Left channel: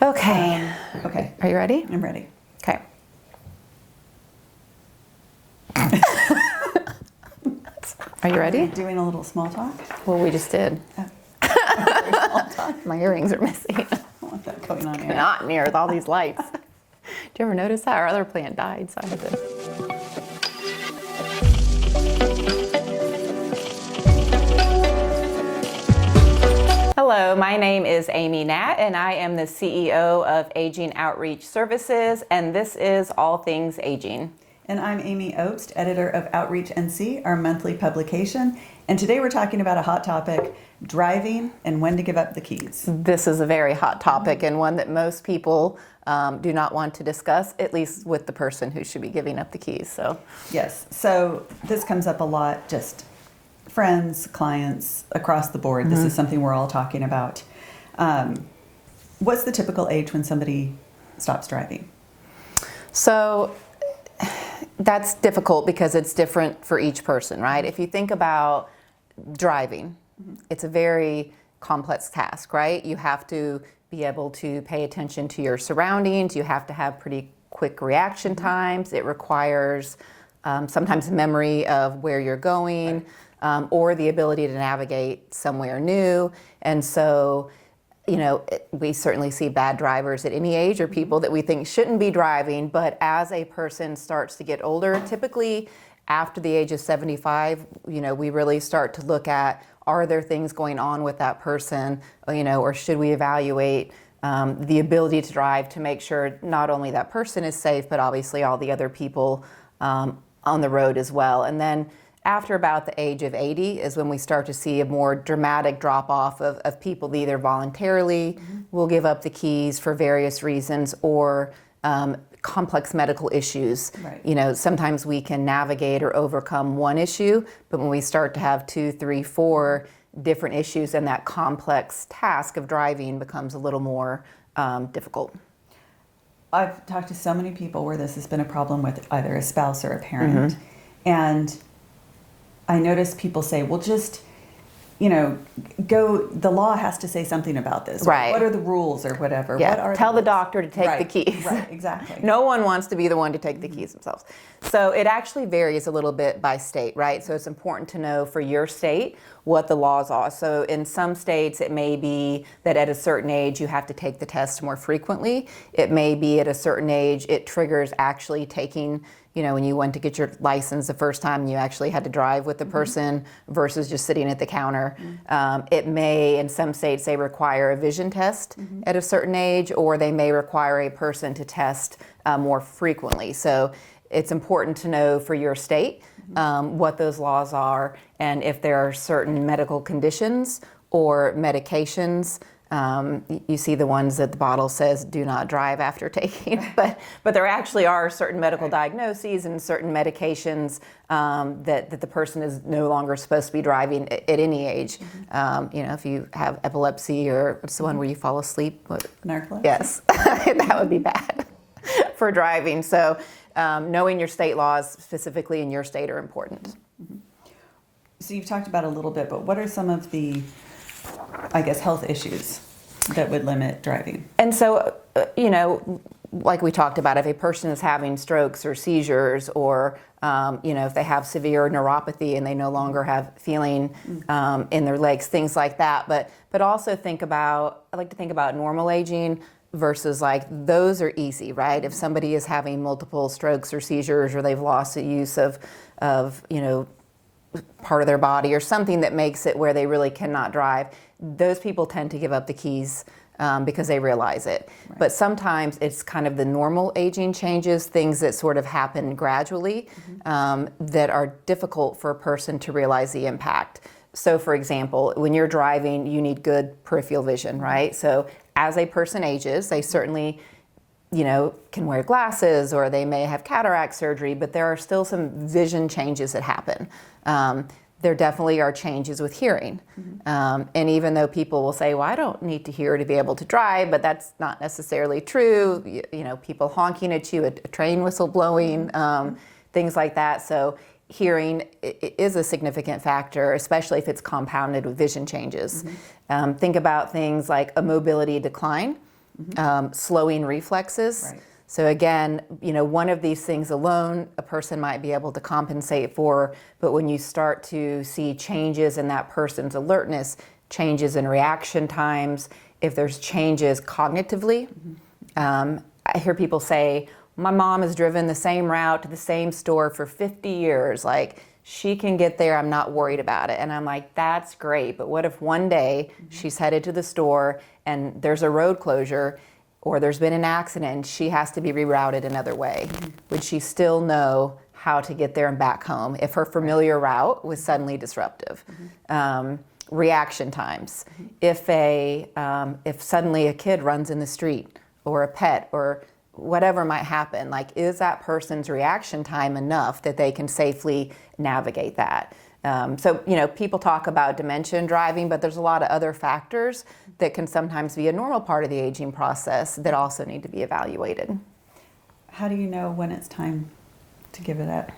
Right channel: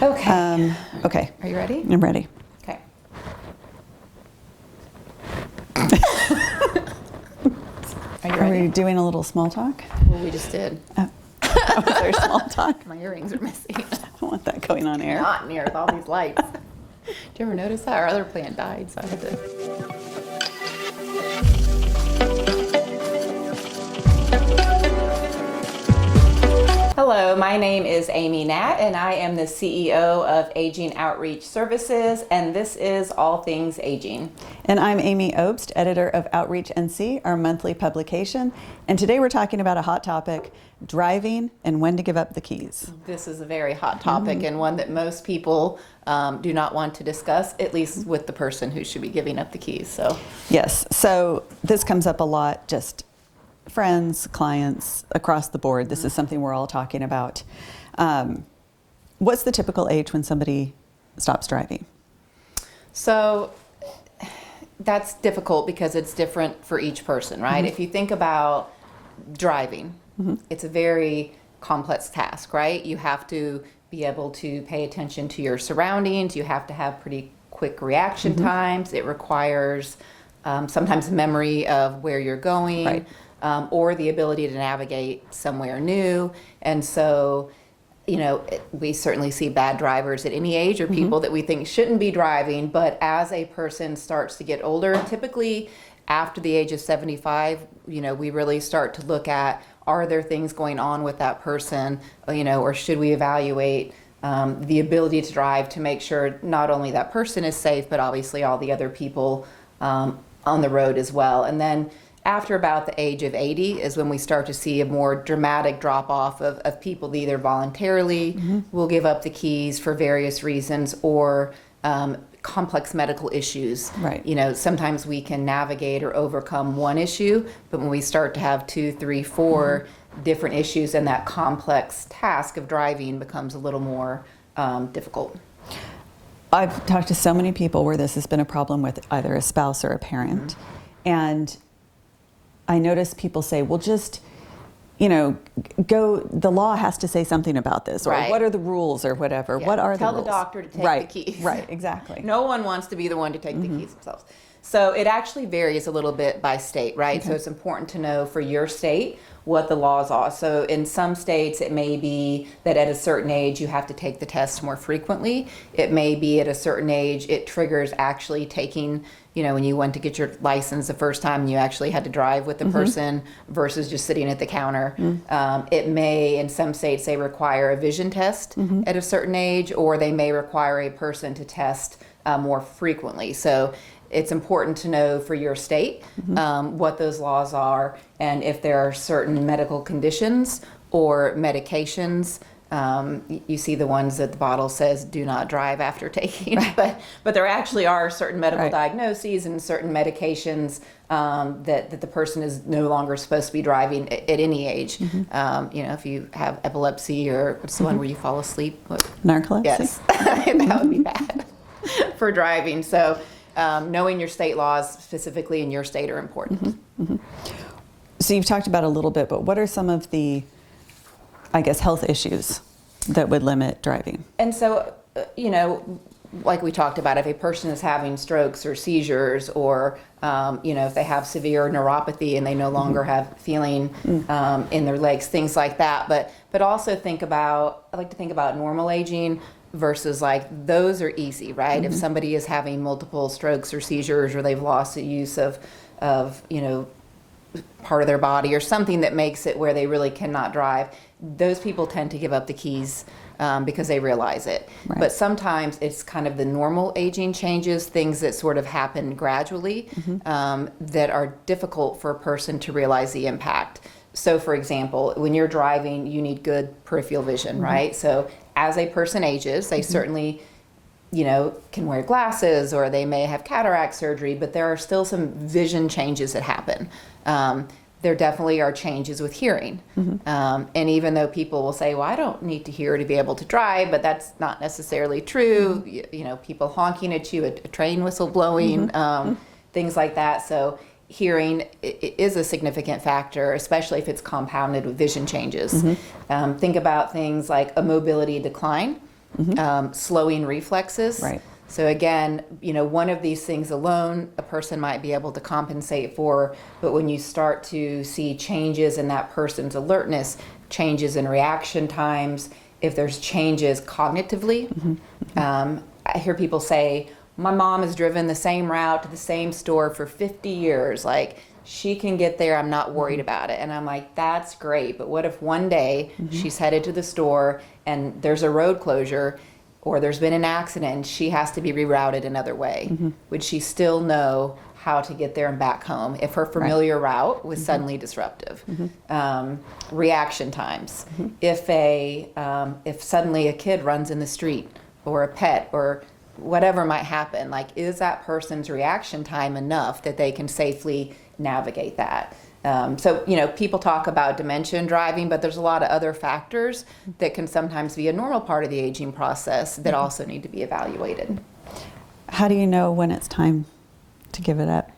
Okay. Okay. Are you ready? I'm ready. Okay. Are you Are ready? we doing a little small talk? Well, we just did. Oh, there's small talk. My earrings are missing. I don't want that going on They're air. not in here with all these lights. Did you ever notice that? Our other plant died. So. Hello, my name is Amy Natt, and I am the CEO of Aging Outreach Services, and this is All Things Aging. And I'm Amy Obst, editor of Outreach NC, our monthly publication. And today we're talking about a hot topic, driving and when to give up the keys. This is a very hot topic and one that most people do not want to discuss, at least with the person who should be giving up the keys. So, Yes, so this comes up a lot, just friends, clients, across the board. This is something we're all talking about. What's the typical age when somebody stops driving? So that's difficult because it's different for each person, right? If you think about driving, it's a very complex task, right? You have to be able to pay attention to your surroundings. You have to have pretty quick reaction times. It requires sometimes memory of where you're going, Right. or the ability to navigate somewhere new. And so, you know, we certainly see bad drivers at any age, or people that we think shouldn't be driving. But as a person starts to get older, typically after the age of 75, you know, we really start to look at, are there things going on with that person, you know, or should we evaluate the ability to drive to make sure not only that person is safe, but obviously all the other people on the road as well. And then after about the age of 80 is when we start to see a more dramatic drop-off of people that either voluntarily will give up the keys for various reasons, or complex medical issues. Right. You know, sometimes we can navigate or overcome one issue, but when we start to have 2, 3, 4 different issues, and that complex task of driving becomes a little more difficult. I've talked to so many people where this has been a problem with either a spouse or a parent. And I notice people say, well, just, you know, the law has to say something about this. Or Right. what are the rules or whatever? Yeah. What are Tell the rules? doctor to take Right, the keys. Right, exactly. No one wants to be the one to take the keys themselves. So it actually varies a little bit by state, right? So it's important to know for your state what the laws are. So in some states, it may be that at a certain age, you have to take the test more frequently. It may be at a certain age, it triggers actually taking, you know, when you went to get your license the first time, you actually had to drive with the person versus just sitting at the counter. It may, in some states, they require a vision test at a certain age, or they may require a person to test more frequently. So it's important to know for your state what those laws are, and if there are certain medical conditions or medications. You see the ones that the bottle says do not drive after taking, but there actually are certain medical diagnoses and certain medications that the person is no longer supposed to be driving at any age. You know, if you have epilepsy, or what's the one where you fall asleep? Narcolepsy? Yes, that would be bad for driving. So knowing your state laws specifically in your state are important. So you've talked about a little bit, but what are some of the, I guess, health issues that would limit driving? And so, you know, like we talked about, if a person is having strokes or seizures, or, you know, if they have severe neuropathy and they no longer have feeling in their legs, things like that. But also I like to think about normal aging versus, like, those are easy, right? If somebody is having multiple strokes or seizures, or they've lost the use of you know, part of their body or something that makes it where they really cannot drive, those people tend to give up the keys because they realize it. Right. But sometimes it's kind of the normal aging changes, things that sort of happen gradually, that are difficult for a person to realize the impact. So for example, when you're driving, you need good peripheral vision, right? So as a person ages, they certainly, you know, can wear glasses, or they may have cataract surgery, but there are still some vision changes that happen. There definitely are changes with hearing. And even though people will say, well, I don't need to hear to be able to drive, but that's not necessarily true. You know, people honking at you, a train whistle blowing, things like that. So hearing is a significant factor, especially if it's compounded with vision changes. Think about things like a mobility decline, slowing reflexes. Right. So again, one of these things alone, a person might be able to compensate for, but when you start to see changes in that person's alertness, changes in reaction times, if there's changes cognitively, I hear people say, my mom has driven the same route to the same store for 50 years. Like, she can get there, I'm not worried about it. And I'm like, that's great, but what if one day she's headed to the store and there's a road closure or there's been an accident and she has to be rerouted another way? Would she still know how to get there and back home if her familiar route was suddenly disruptive? Reaction times. If suddenly a kid runs in the street or a pet or whatever might happen, like, is that person's reaction time enough that they can safely navigate that? So, people talk about dementia in driving, but there's a lot of other factors that can sometimes be a normal part of the aging process that also need to be evaluated. How do you know when it's time to give it up?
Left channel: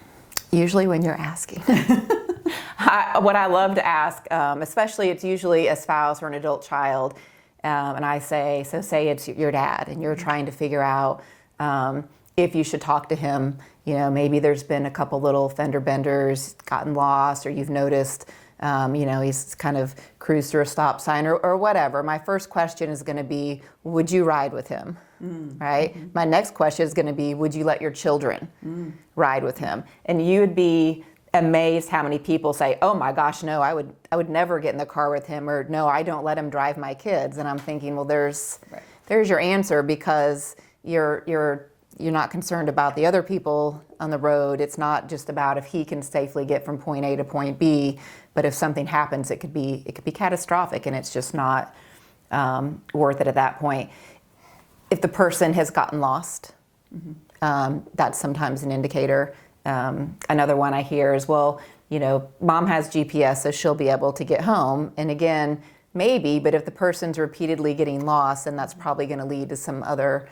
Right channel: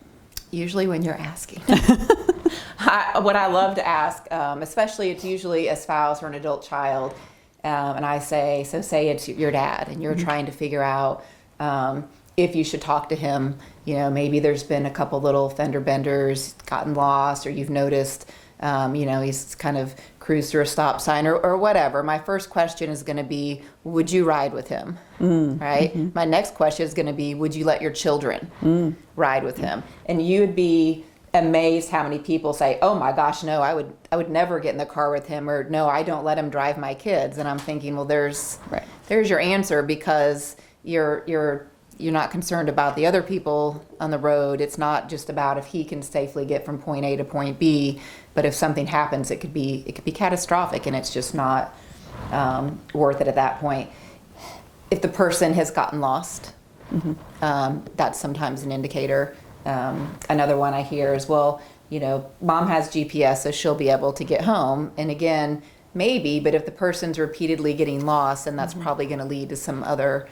Usually when you're asking. What I love to ask, especially it's usually a spouse or an adult child, and I say, so say it's your dad and you're trying to figure out if you should talk to him. Maybe there's been a couple little fender benders, gotten lost, or you've noticed, he's kind of cruised through a stop sign or whatever. My first question is going to be, would you ride with him? Right? My next question is going to be, would you let your children ride with him? And you'd be amazed how many people say, oh my gosh, no, I would never get in the car with him, or no, I don't let him drive my kids. And I'm thinking, well, there's your answer, because you're not concerned about the other people on the road. It's not just about if he can safely get from point A to point B, but if something happens, it could be catastrophic, and it's just not worth it at that point. If the person has gotten lost, that's sometimes an indicator. Another one I hear is, well, mom has GPS, so she'll be able to get home. And again, maybe, but if the person's repeatedly getting lost, then that's probably going to lead to some other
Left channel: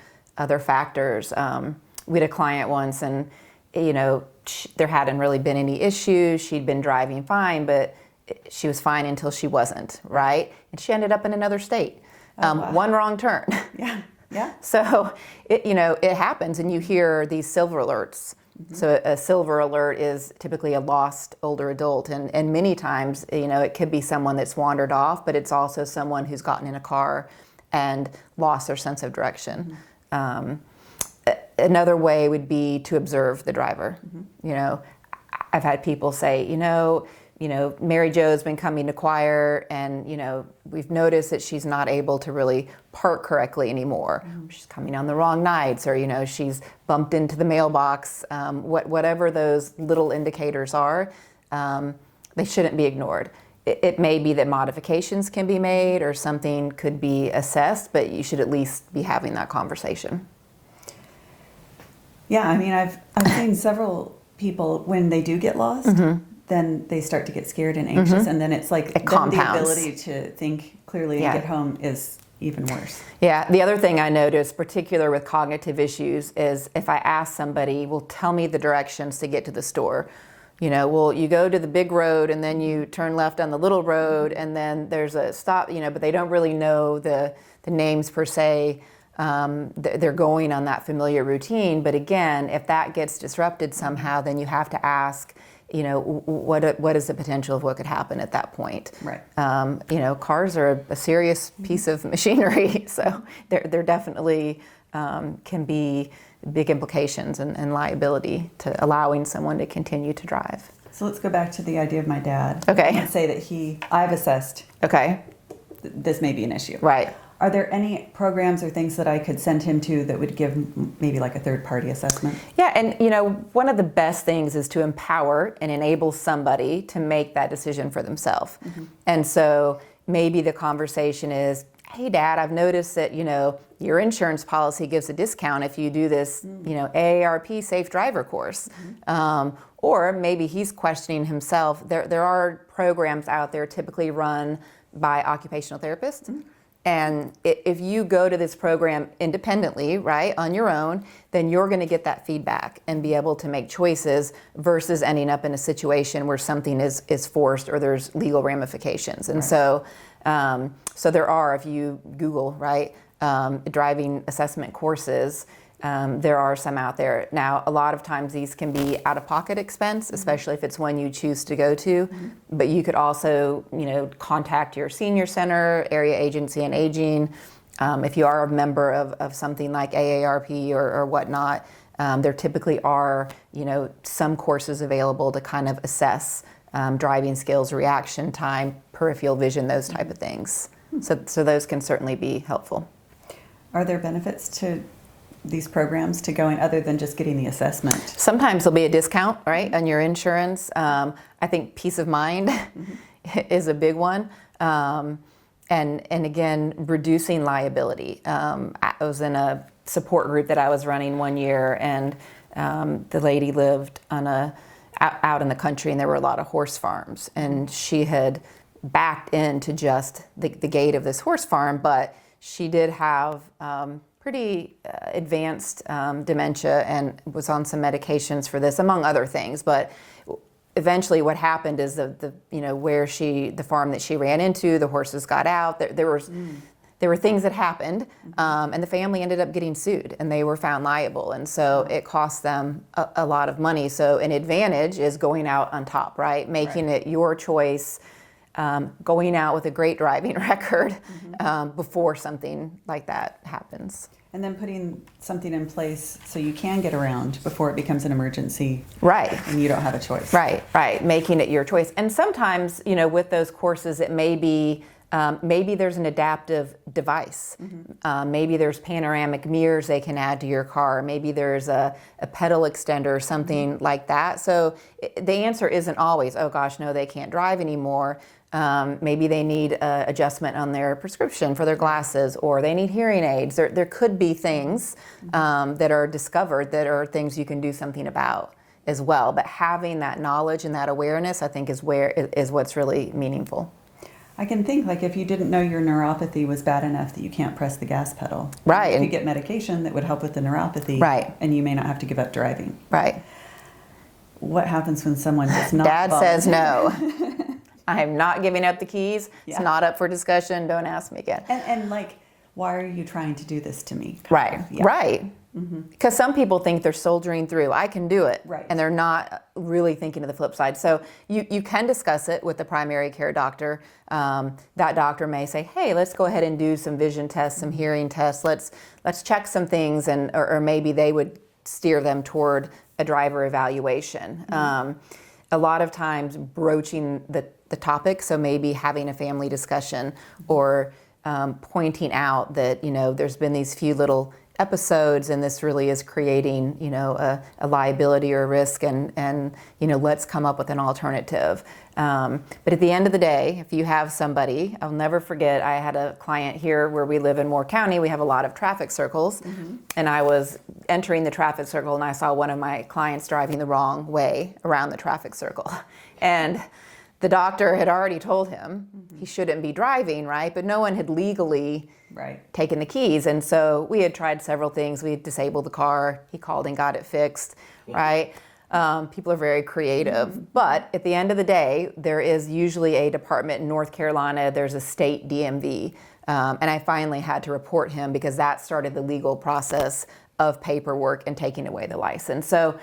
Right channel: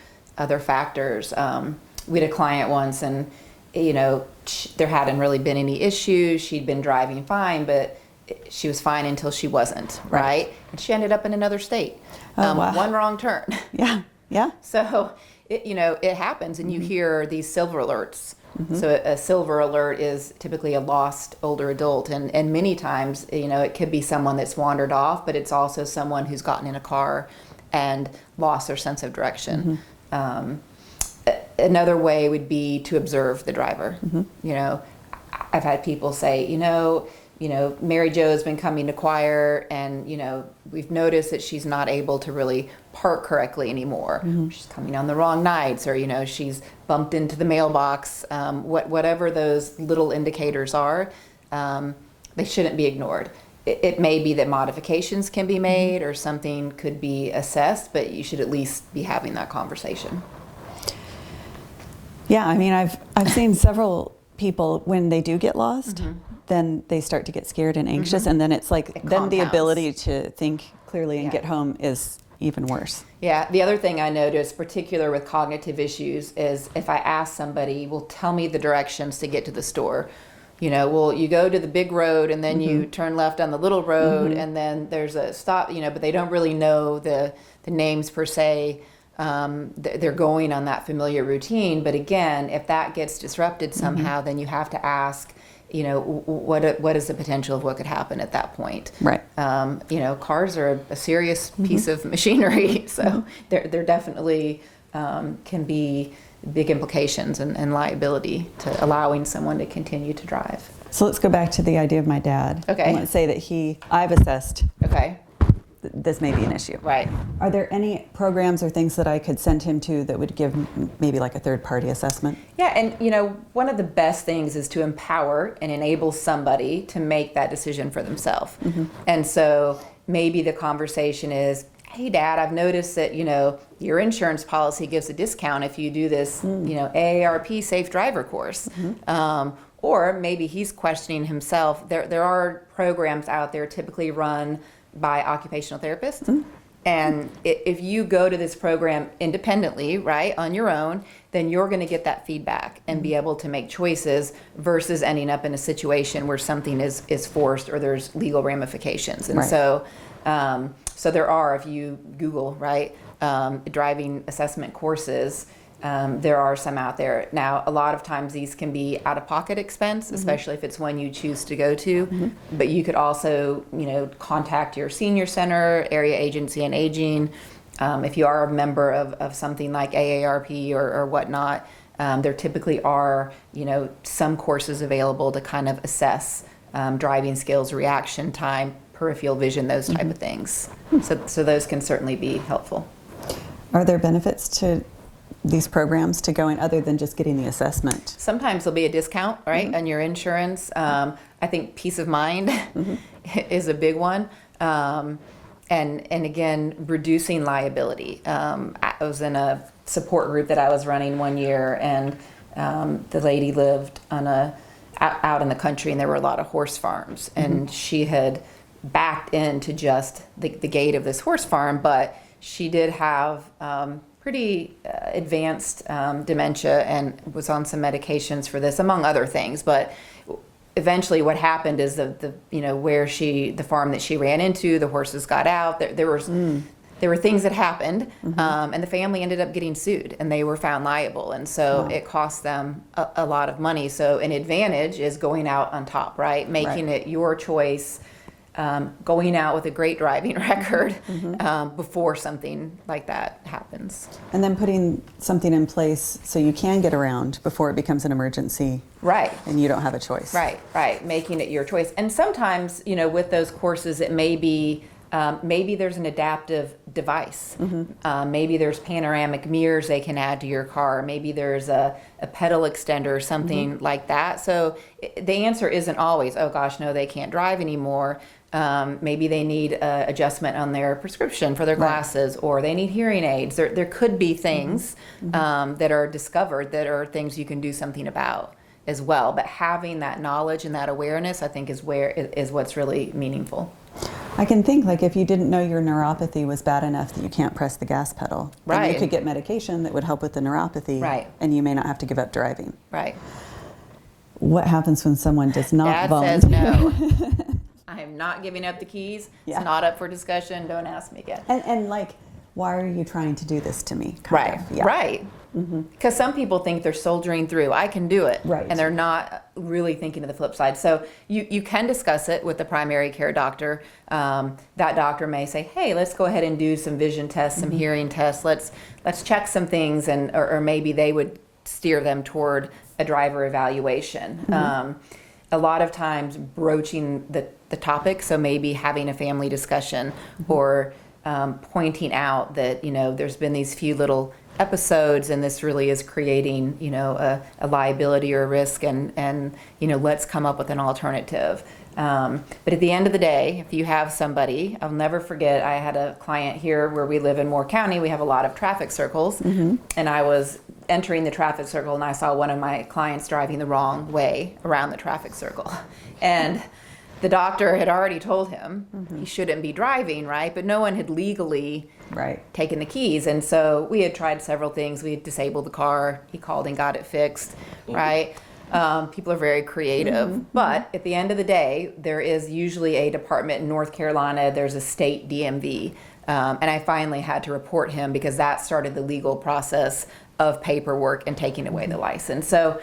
factors. We had a client once, and there hadn't really been any issues. She'd been driving fine, but she was fine until she wasn't, right? And she ended up in another state. Wow. One wrong turn. Yeah. So it happens, and you hear these silver alerts. So a silver alert is typically a lost older adult, and many times, it could be someone that's wandered off, but it's also someone who's gotten in a car and lost their sense of direction. Another way would be to observe the driver. I've had people say, Mary Jo's been coming to choir, and we've noticed that she's not able to really park correctly anymore. She's coming on the wrong nights, or she's bumped into the mailbox. Whatever those little indicators are, they shouldn't be ignored. It may be that modifications can be made or something could be assessed, but you should at least be having that conversation. Yeah, I mean, I've seen several people, when they do get lost, then they start to get scared and anxious, and then it's like then the ability to think clearly and get home is even worse. Yeah, the other thing I notice, particular with cognitive issues, is if I ask somebody, well, tell me the directions to get to the store. Well, you go to the big road and then you turn left on the little road, and then there's a stop, but they don't really know the names per se. They're going on that familiar routine. But again, if that gets disrupted somehow, then you have to ask, what is the potential of what could happen at that point? Right. Cars are a serious piece of machinery, so there definitely can be big implications and liability to allowing someone to continue to drive. So let's go back to the idea of my dad. Okay. Let's say that I've assessed Okay. This may be an issue. Right. Are there any programs or things that I could send him to that would give maybe like a third-party assessment? Yeah, and one of the best things is to empower and enable somebody to make that decision for themselves. And so maybe the conversation is, hey, Dad, I've noticed that, your insurance policy gives a discount if you do this, AARP Safe Driver course. Or maybe he's questioning himself. There are programs out there typically run by occupational therapists. And if you go to this program independently, right, on your own, then you're going to get that feedback and be able to make choices versus ending up in a situation where something is forced or there's legal ramifications. And so there are, if you Google, right, driving assessment courses, there are some out there. Now, a lot of times these can be out-of-pocket expense, especially if it's one you choose to go to. But you could also, contact your senior center, area agency on aging. If you are a member of something like AARP or whatnot, there typically are, some courses available to kind of assess driving skills, reaction time, peripheral vision, those type of things. So those can certainly be helpful. Are there benefits to these programs to going other than just getting the assessment? Sometimes there'll be a discount, right, on your insurance. I think peace of mind is a big one. And again, reducing liability. I was in a support group that I was running one year, and the lady lived out in the country, and there were a lot of horse farms. And she had backed into just the gate of this horse farm, but she did have pretty advanced dementia and was on some medications for this, among other things. But eventually what happened is the farm that she ran into, the horses got out. There were things that happened, and the family ended up getting sued, and they were found liable. And so it cost them a lot of money. So an advantage is going out on top, right? Making it your choice. Going out with a great driving record before something like that happens. And then putting something in place so you can get around before it becomes an emergency. Right. And you don't have a choice. Right. Making it your choice. And sometimes, with those courses, it may be, maybe there's an adaptive device. Maybe there's panoramic mirrors they can add to your car. Maybe there's a pedal extender or something like that. So the answer isn't always, oh gosh, no, they can't drive anymore. Maybe they need adjustment on their prescription for their glasses, or they need hearing aids. There could be things that are discovered that are things you can do something about as well. But having that knowledge and that awareness, I think, is what's really meaningful. I can think, like, if you didn't know your neuropathy was bad enough that you can't press the gas pedal, then you could get medication that would help with the neuropathy, and you may not have to give up driving. Right. What happens when someone does not Dad bump? says no. I am not giving up the keys. Yeah. It's not up for discussion. Don't ask me again. And like, why are you trying to do this to me? Right. Because some people think they're soldiering through. I can do it. Right. And they're not really thinking of the flip side. So you can discuss it with the primary care doctor. That doctor may say, hey, let's go ahead and do some vision tests, some hearing tests. Let's check some things, or maybe they would steer them toward a driver evaluation. A lot of times broaching the topic, so maybe having a family discussion or pointing out that, there's been these few little episodes and this really is creating, a liability or a risk, and let's come up with an alternative. But at the end of the day, if you have somebody, I'll never forget, I had a client here where we live in Moore County. We have a lot of traffic circles, and I was entering the traffic circle and I saw one of my clients driving the wrong way around the traffic circle. And the doctor had already told him he shouldn't be driving, right? But no one had legally taken the keys. And so we had tried several things. We disabled the car. He called and got it fixed, right? People are very creative. But at the end of the day, there is usually a department in North Carolina. There's a state DMV. And I finally had to report him because that started the legal process of paperwork and taking away the license. So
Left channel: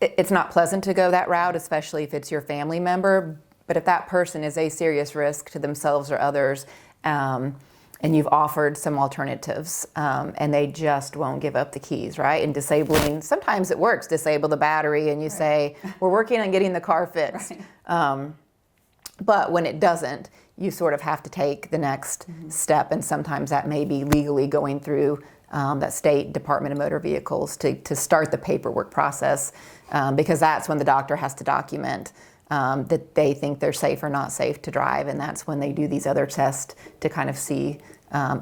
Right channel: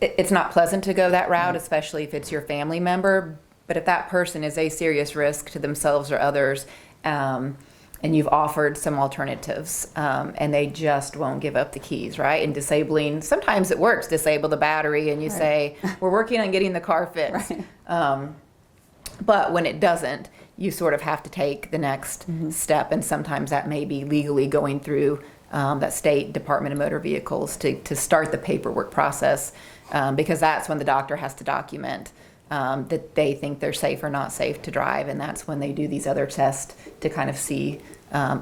it's not pleasant to go that route, especially if it's your family member. But if that person is a serious risk to themselves or others, and you've offered some alternatives, and they just won't give up the keys, right? And disabling, sometimes it works, disable the battery, and you say, we're working on getting the car fixed. But when it doesn't, you sort of have to take the next step, and sometimes that may be legally going through that state Department of Motor Vehicles to start the paperwork process, because that's when the doctor has to document that they think they're safe or not safe to drive, and that's when they do these other tests to kind of see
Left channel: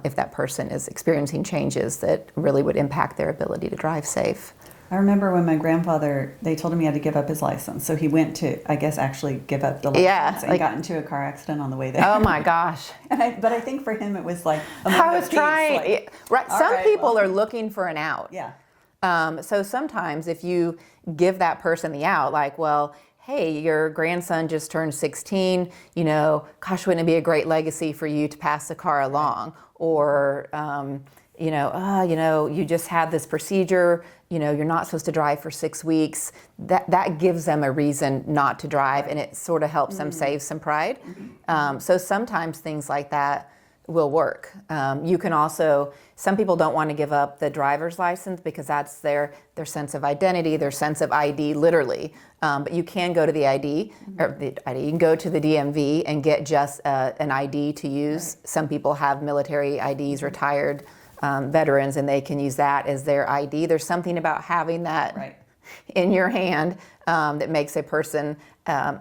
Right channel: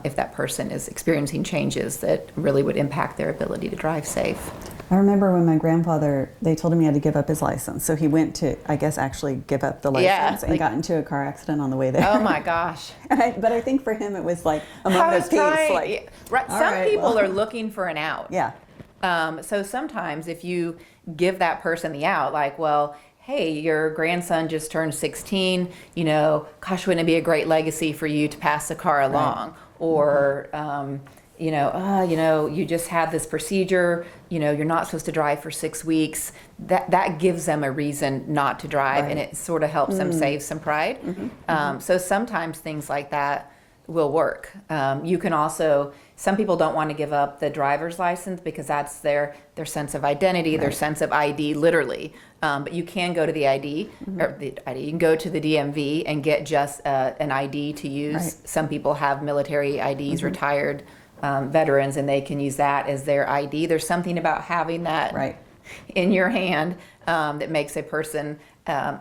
if that person is experiencing changes that really would impact their ability to drive safe. I remember when my grandfather, they told him he had to give up his license. So he went to, I guess, actually give up the license and got into a car accident on the way there. Oh my gosh. But I think for him it was like a moment of peace. Like, right. Some people are looking for an out. Yeah. So sometimes if you give that person the out, like, well, hey, your grandson just turned 16, gosh, wouldn't it be a great legacy for you to pass the car along? Or, you just had this procedure, you're not supposed to drive for 6 weeks. That gives them a reason not to drive, and it sort of helps them save some pride. So sometimes things like that will work. You can also, some people don't want to give up the driver's license because that's their sense of identity, their sense of ID, literally. But you can go to the ID, or the ID, you can go to the DMV and get just an ID to use. Right. Some people have military IDs, retired veterans, and they can use that as their ID. There's something about having that in your hand that makes a person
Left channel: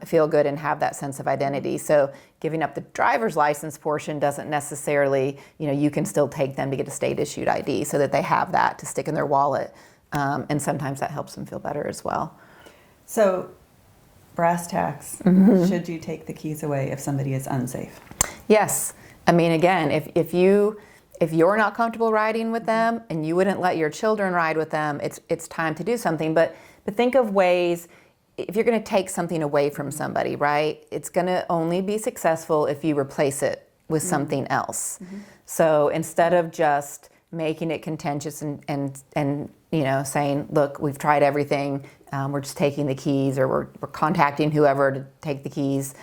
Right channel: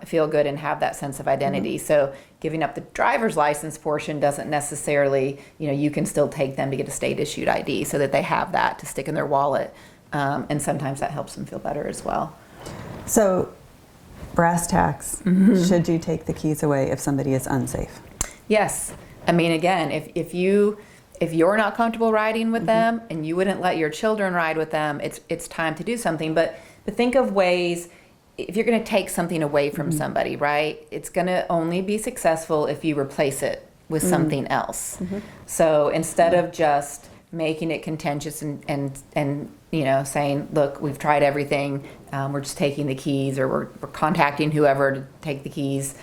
feel good and have that sense of identity. So giving up the driver's license portion doesn't necessarily, you can still take them to get a state issued ID so that they have that to stick in their wallet. And sometimes that helps them feel better as well. So, brass tacks, should you take the keys away if somebody is unsafe? Yes. I mean, again, if you're not comfortable riding with them and you wouldn't let your children ride with them, it's time to do something. But think of ways, if you're going to take something away from somebody, right, it's going to only be successful if you replace it with something else. So instead of just making it contentious and saying, look, we've tried everything, we're just taking the keys, or we're contacting whoever to take the keys.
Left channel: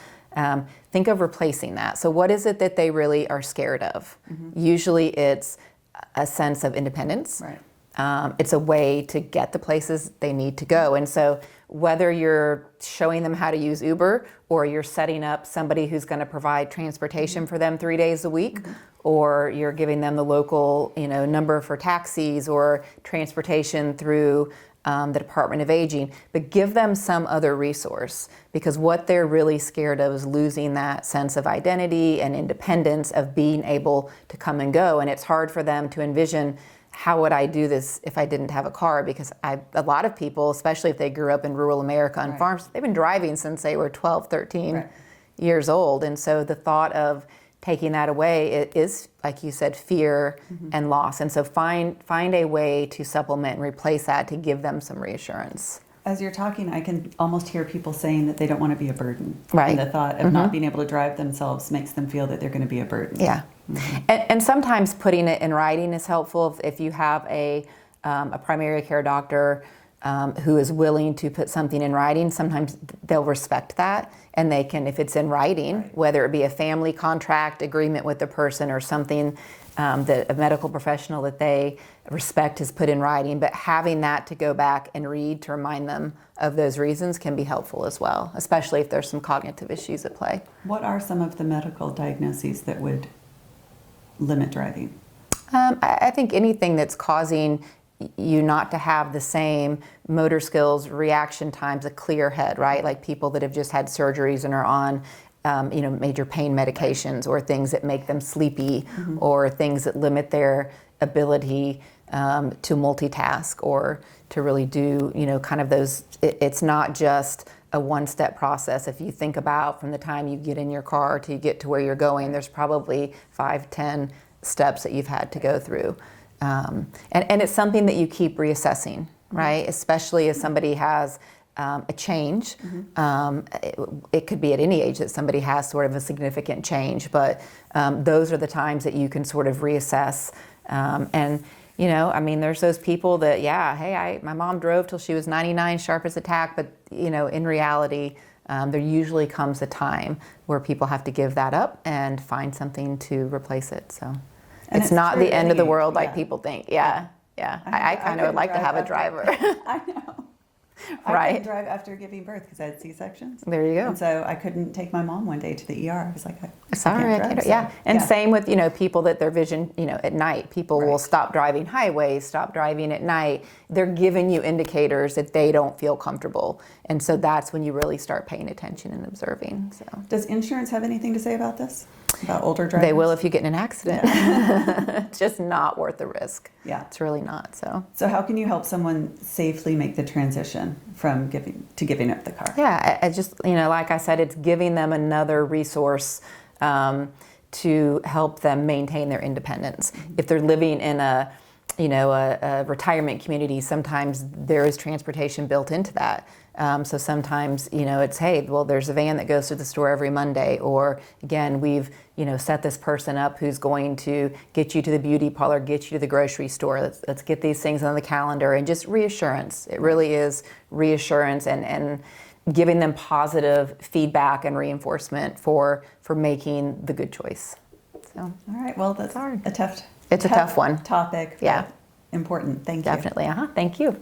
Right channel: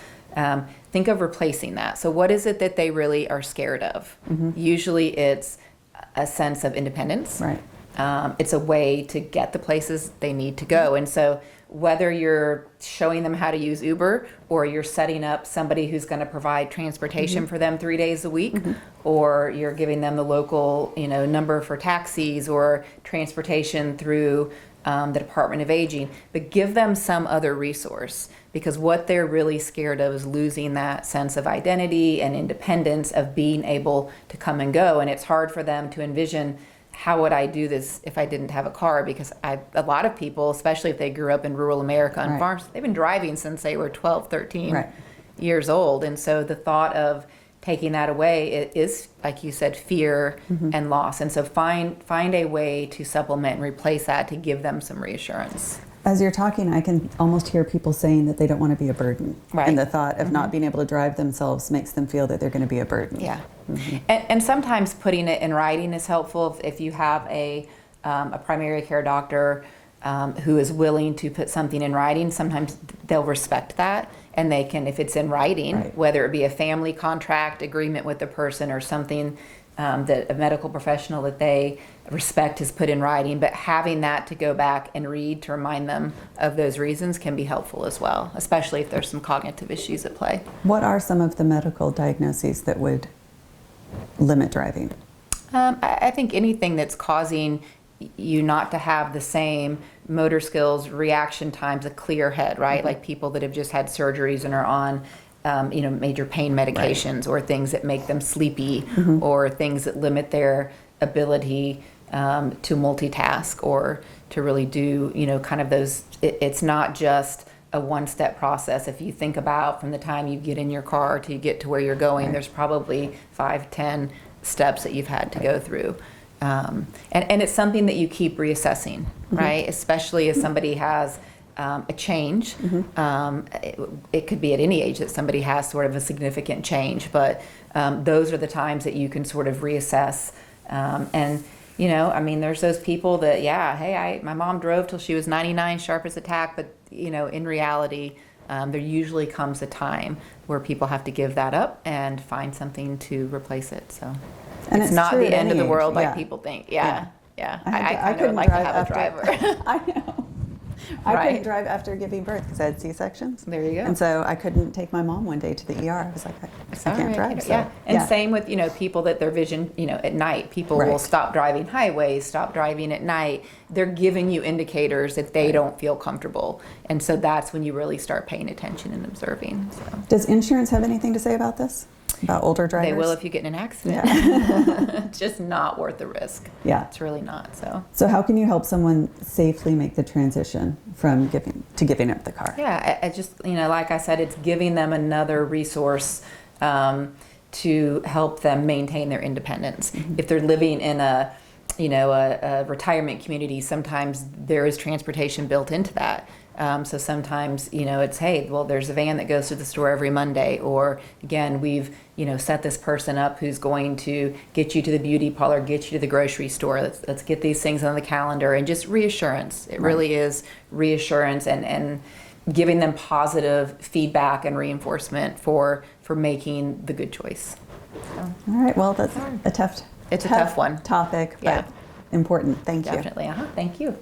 Think of replacing that. So what is it that they really are scared of? Usually it's a sense of independence. Right. It's a way to get the places they need to go. And so whether you're showing them how to use Uber, or you're setting up somebody who's going to provide transportation for them 3 days a week, or you're giving them the local number for taxis or transportation through the Department of Aging, but give them some other resource, because what they're really scared of is losing that sense of identity and independence of being able to come and go. And it's hard for them to envision, how would I do this if I didn't have a car? Because a lot of people, especially if they grew up in rural America on farms, they've been driving since they were 12, 13 years old. And so the thought of taking that away, it is, like you said, fear and loss. And so find a way to supplement and replace that to give them some reassurance. As you're talking, I can almost hear people saying that they don't want to be a burden. Right. And the thought of not being able to drive themselves makes them feel that they're going to be a burden. Yeah. And sometimes putting it in writing is helpful. If you have a primary care doctor who is willing to put something in writing, sometimes they'll respect that. And they can, if it's in writing, whether it be a family contract agreement with the person or something that a medical professional that they respect has put in writing, but having that to go back and read to remind them of those reasons can be helpful as well, especially if there's some cognitive issues at play. What are some of the medical diagnoses that would limit driving? I think anything that's causing you not to have the same motor skills, reaction times, a clear head, right? Like people that have just had surgeries and are on major pain medications, or things that make them sleepy, or things that limit their ability to multitask or to really do, kind of those, it's not just a one-step process. If you think about from the time you get in your car to get to where you're going, there's probably 5, 10 steps that you've had to go through. And it's something that you keep reassessing, right? Especially as somebody has a change. It could be at any age that somebody has sort of a significant change, but those are the times that you can sort of reassess. There's those people that, my mom drove till she was 99, sharp as a tack, but, in reality, there usually comes a time where people have to give that up and find something to replace it. So it's not the end of the world like people think. I kind of would like to have a driver. I know. I couldn't drive after giving birth because I had C-sections. There you go. And so I couldn't take my mom one day to the ER. I was like, I can't drive. And same with, people that their vision, at night. People will stop driving highways, stop driving at night. They're giving you indicators that they don't feel comfortable. And so that's when you really start paying attention and observing. So. Does insurance have anything to say about this? about older drivers? They will if you get in an accident. It's just not worth the risk. Yeah. It's really not. So how can you help someone safely make the transition from giving up the car? Yeah, I just, like I said, it's giving them another resource to help them maintain their independence. If they're living in a retirement community, sometimes there is transportation built into that. So sometimes, it's, hey, well, there's a van that goes to the store every Monday, or again, we've, set this person up who's going to get you to the beauty parlor, get you to the grocery store. Let's get these things on the calendar, and just reassurance. It really is reassurance and giving them positive feedback and reinforcement for making the good choice. So, all right. Well, that's It's a tough one. Topic, but Yeah. important. Thank you. Definitely. Thank you.